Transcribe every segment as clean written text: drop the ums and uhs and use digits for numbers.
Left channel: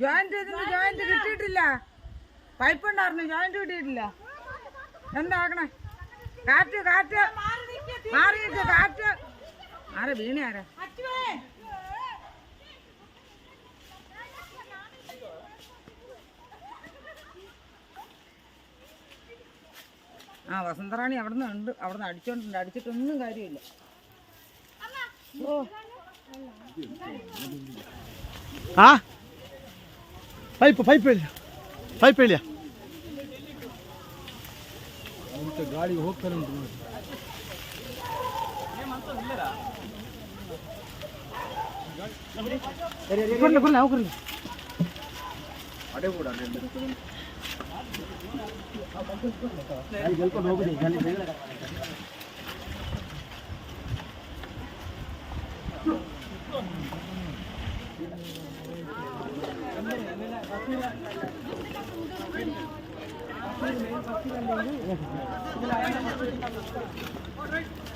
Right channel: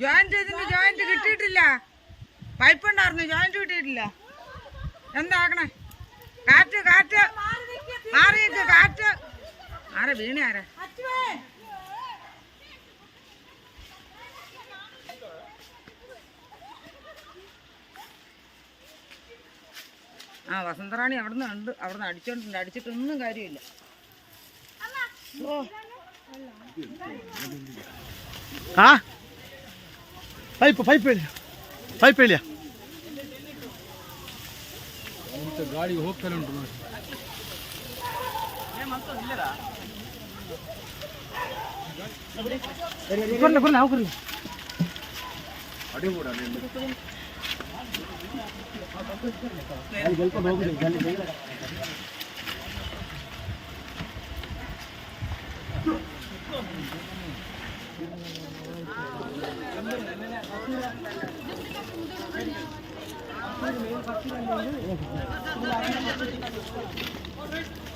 Joint കിട്ടിയിട്ടില്ല. Pipe ഉണ്ടായിരുന്നു, joint കിട്ടിയിട്ടില്ല. എന്താക്കണേ? കാറ്റ് കാറ്റ് മാറിയിട്ട് കാറ്റ്. ആരെ വീണ ആരാ? വസന്തറാണി അവിടുന്ന് ഉണ്ട്, അവിടുന്ന് അടിച്ചോണ്ടിട്ടുണ്ട്. അടിച്ചിട്ടൊന്നും കാര്യമില്ല. ಪೈಪ್ ಇಲ್ಲ ಗಾಡಿ ಹೋಗ್ತಾರೆ ಉಂಟು ನೋಡಿ.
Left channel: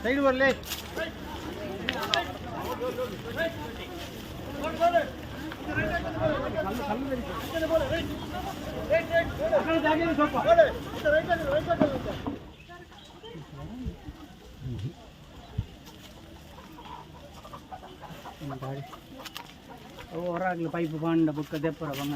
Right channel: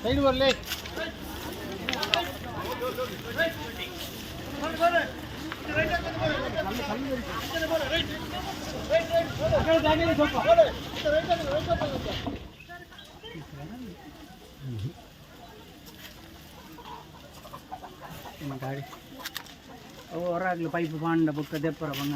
ಸೈಡ್ ಬರ್ಲಿ. ಹೊರಗ್ಲಿ ಪೈಪ್ ಬಂಡ ಬುಕ್ಕ ದೆಪ್ಪರ ಬಂದ